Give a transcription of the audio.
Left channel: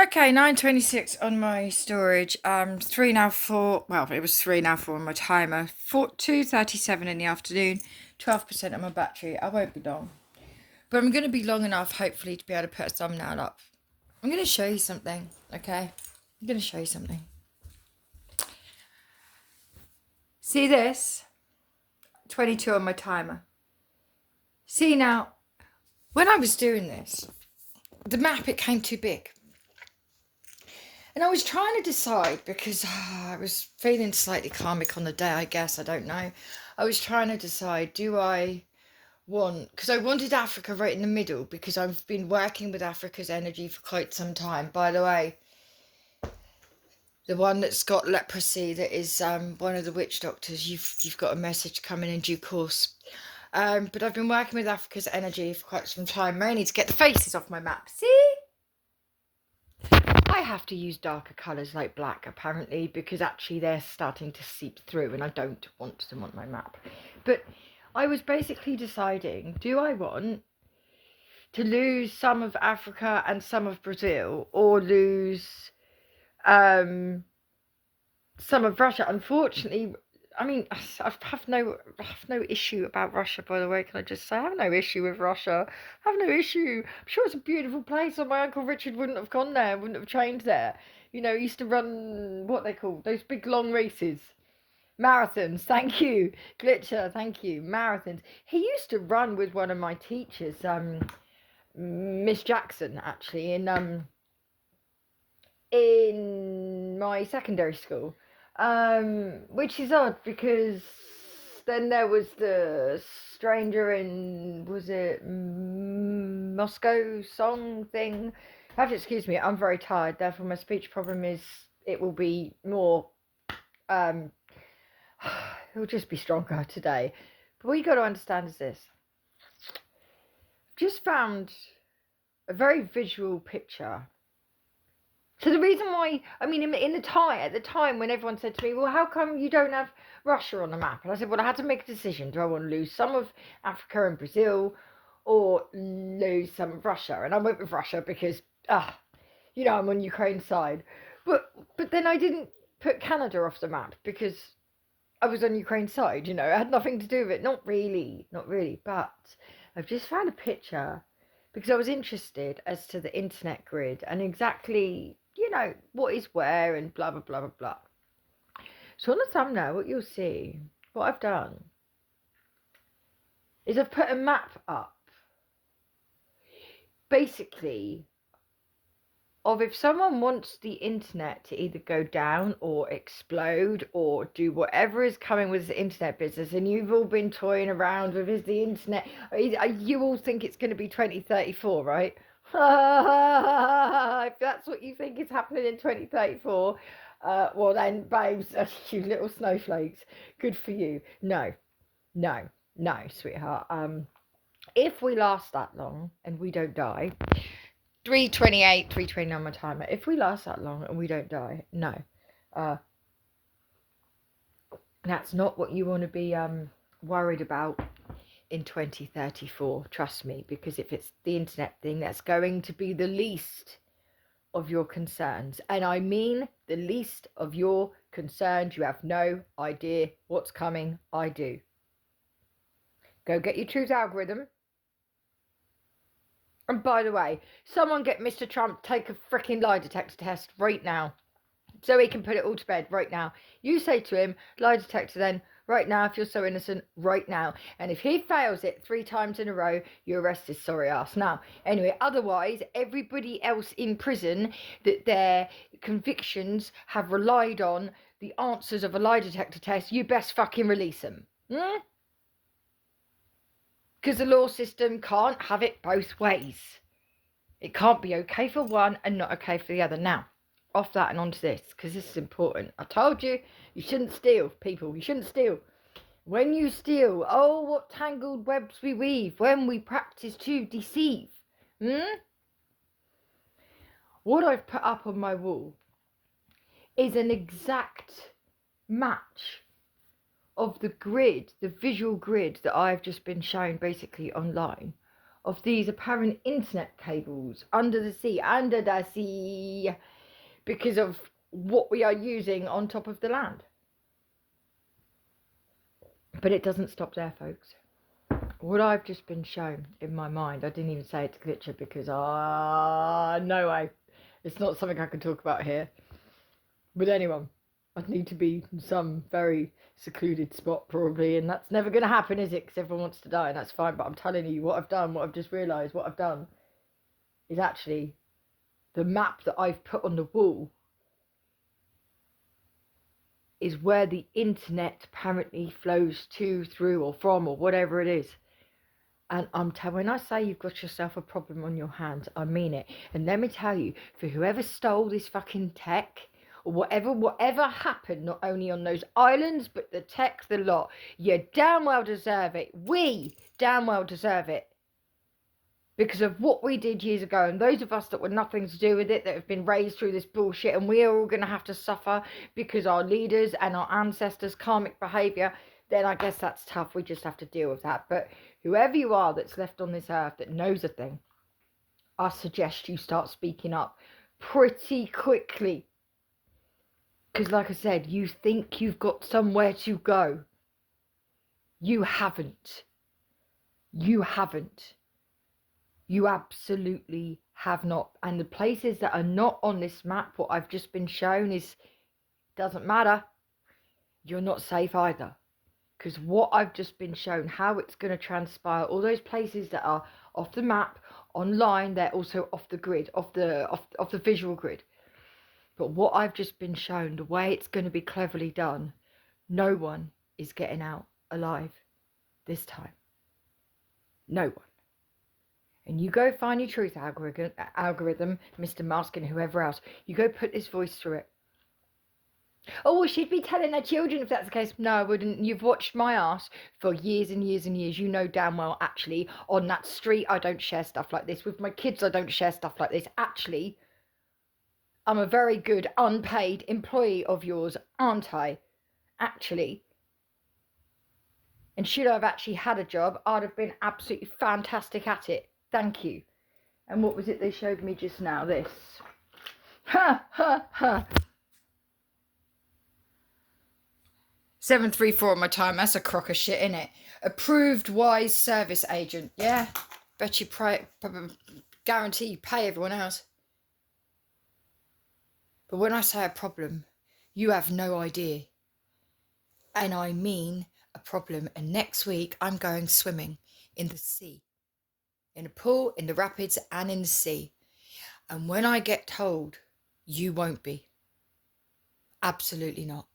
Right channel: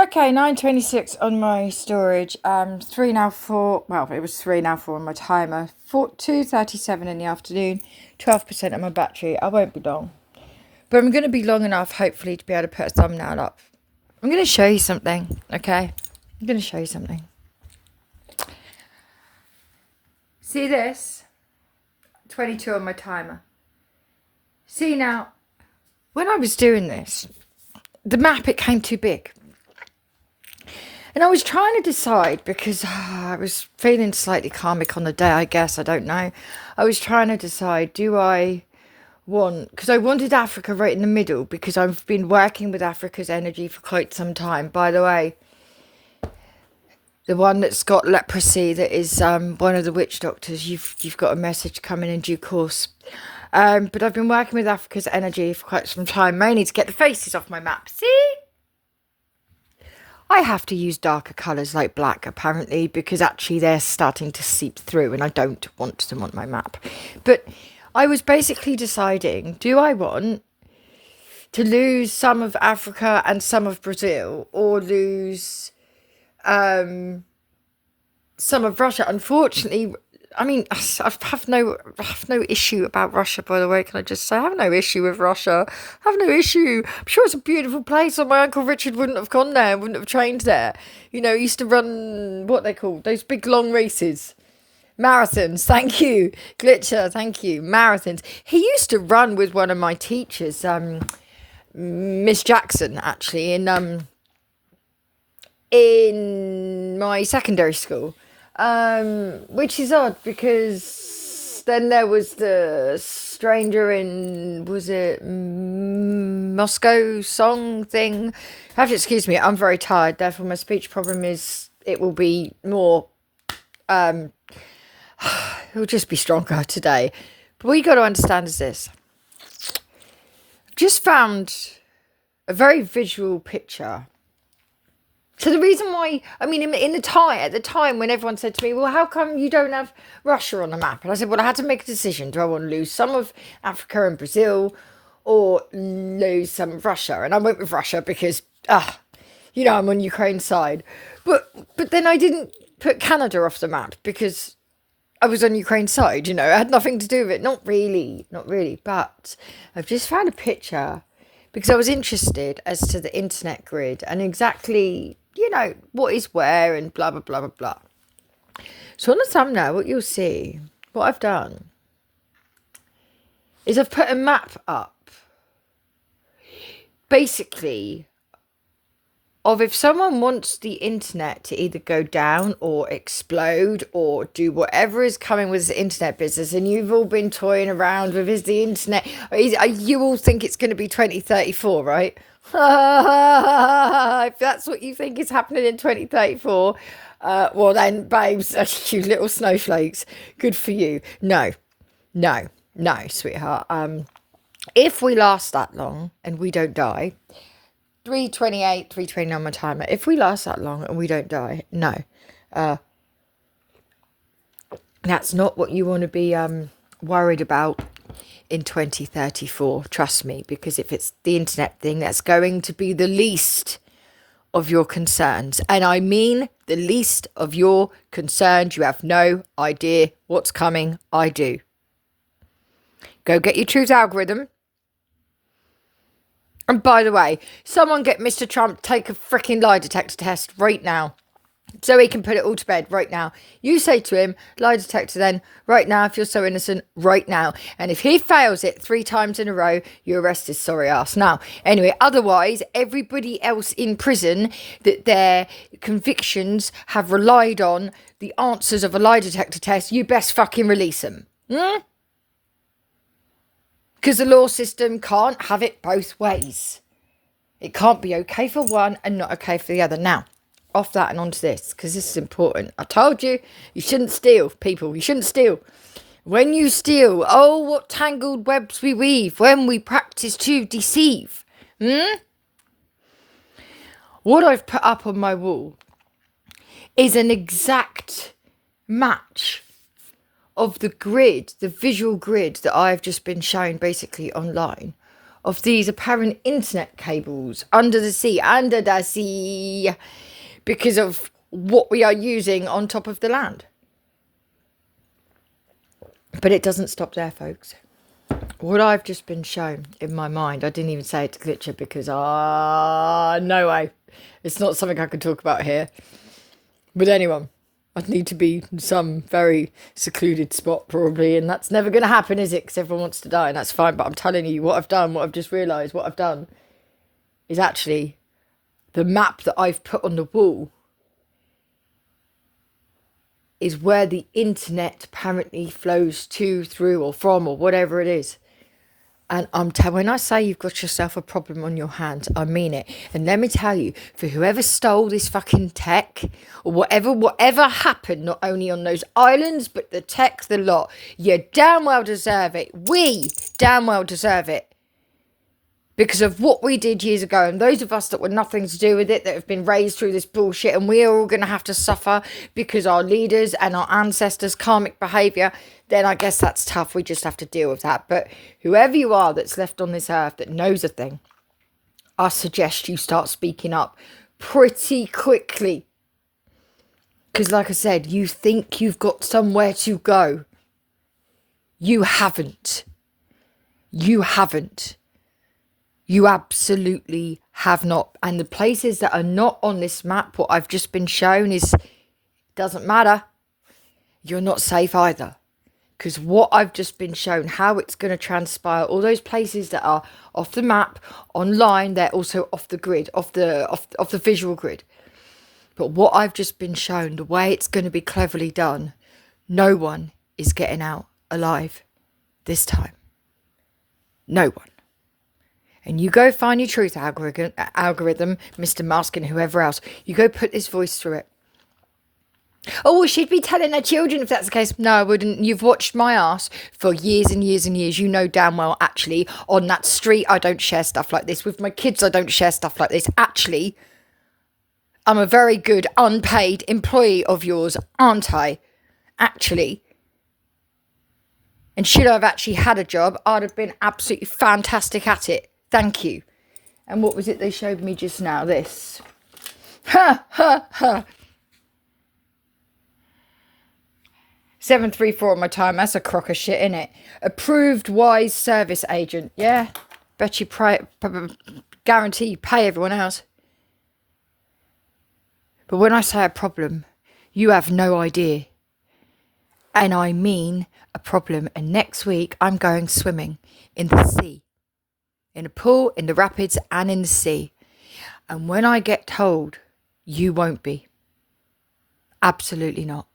Okay, 9:26 on my storage. Three now four. Well, it was three now four on my timer. 2:37 in the afternoon. 12% of my battery. I won't be long, but I'm going to be long enough, hopefully, to be able to put a thumbnail up. I'm going to show you something. Okay, I'm going to show you something. See this? 22 on my timer. See now, when I was doing this, the map, it came too big. And I was trying to decide because I was feeling slightly karmic on the day, I guess. I don't know. I was trying to decide, because I wanted Africa right in the middle because I've been working with Africa's energy for quite some time. By the way, the one that's got leprosy, that is one of the witch doctors, you've got a message coming in due course. But I've been working with Africa's energy for quite some time, mainly to get the faces off my map. See? I have to use darker colours like black, apparently, because actually they're starting to seep through and I don't want them on my map. But I was basically deciding, do I want to lose some of Africa and some of Brazil, or lose some of Russia? Unfortunately, I mean, I have no issue about Russia, by the way. Can I just say, I have no issue with Russia. I have no issue. I'm sure it's a beautiful place. And my Uncle Richard wouldn't have gone there, wouldn't have trained there. You know, he used to run what they call those big long races. Marathons, thank you. Glitcher, thank you. Marathons. He used to run with one of my teachers, Miss Jackson, actually, in my secondary school. Which is odd because then there was the stranger in, was it Moscow song thing? You have to excuse me, I'm very tired, therefore my speech problem is, it will be more, it will just be stronger today. But what you got to understand is this. I've just found a very visual picture. So the reason why, I mean, at the time when everyone said to me, well, how come you don't have Russia on the map? And I said, well, I had to make a decision. Do I want to lose some of Africa and Brazil, or lose some of Russia? And I went with Russia because, I'm on Ukraine's side. But then I didn't put Canada off the map because I was on Ukraine's side, it had nothing to do with it. Not really. But I've just found a picture because I was interested as to the internet grid and exactly, what is where and blah, blah, blah, blah, blah. So on the thumbnail, what you'll see, what I've done is I've put a map up, basically, of if someone wants the internet to either go down or explode or do whatever is coming with the internet business, and you've all been toying around with, is the internet, you all think it's going to be 2034, right? If that's what you think is happening in 2034, well then, babes, you little snowflakes, good for you. No, sweetheart. If we last that long and we don't die, 3:28, 3:29 my timer. If we last that long and we don't die, no. That's not what you want to be worried about in 2034. Trust me, because if it's the internet thing, that's going to be the least of your concerns. And I mean the least of your concerns. You have no idea what's coming. I do. Go get your truth algorithm. And by the way, someone get Mr. Trump to take a freaking lie detector test right now, so he can put it all to bed right now. You say to him, lie detector then, right now, if you're so innocent, right now. And if he fails it 3 times in a row, you arrest his sorry ass. Now, anyway, otherwise, everybody else in prison that their convictions have relied on the answers of a lie detector test, you best fucking release them. Because the law system can't have it both ways. It can't be okay for one and not okay for the other. Now, off that and onto this, because this is important. I told you, you shouldn't steal, people. You shouldn't steal. When you steal, oh, what tangled webs we weave when we practice to deceive. What I've put up on my wall is an exact match of the grid, the visual grid that I've just been shown basically online, of these apparent internet cables under the sea, because of what we are using on top of the land. But it doesn't stop there, folks. What I've just been shown in my mind, I didn't even say it to Glitcher because, no way. It's not something I can talk about here. With anyone. I'd need to be in some very secluded spot probably, and that's never going to happen, is it? Because everyone wants to die, and that's fine. But I'm telling you, what I've done, what I've just realised, what I've done is actually the map that I've put on the wall is where the internet apparently flows to, through, or from, or whatever it is. And when I say you've got yourself a problem on your hands, I mean it. And let me tell you, for whoever stole this fucking tech, or whatever happened, not only on those islands, but the tech, the lot, you damn well deserve it. We damn well deserve it. Because of what we did years ago, and those of us that were nothing to do with it, that have been raised through this bullshit, and we are all going to have to suffer because our leaders and our ancestors' karmic behaviour, then I guess that's tough. We just have to deal with that. But whoever you are that's left on this earth that knows a thing, I suggest you start speaking up pretty quickly. Because like I said, you think you've got somewhere to go. You haven't. You haven't. You absolutely have not. And the places that are not on this map, what I've just been shown is, doesn't matter. You're not safe either. Because what I've just been shown, how it's going to transpire, all those places that are off the map, online, they're also off the grid, off the visual grid. But what I've just been shown, the way it's going to be cleverly done, no one is getting out alive this time. No one. And you go find your truth algorithm, Mr. Musk and whoever else. You go put this voice through it. Oh, well, she'd be telling her children if that's the case. No, I wouldn't. You've watched my ass for years and years and years. You know damn well, actually, on that street, I don't share stuff like this. With my kids, I don't share stuff like this. Actually, I'm a very good unpaid employee of yours, aren't I? Actually. And should I have actually had a job, I'd have been absolutely fantastic at it. Thank you. And what was it they showed me just now? This. Ha, ha, ha. 734 on my time. That's a crock of shit, innit? Approved wise service agent. Yeah. Bet you guarantee you pay everyone else. But when I say a problem, you have no idea. And I mean a problem. And next week, I'm going swimming in the sea. In a pool, in the rapids, and in the sea. And when I get told, you won't be. Absolutely not.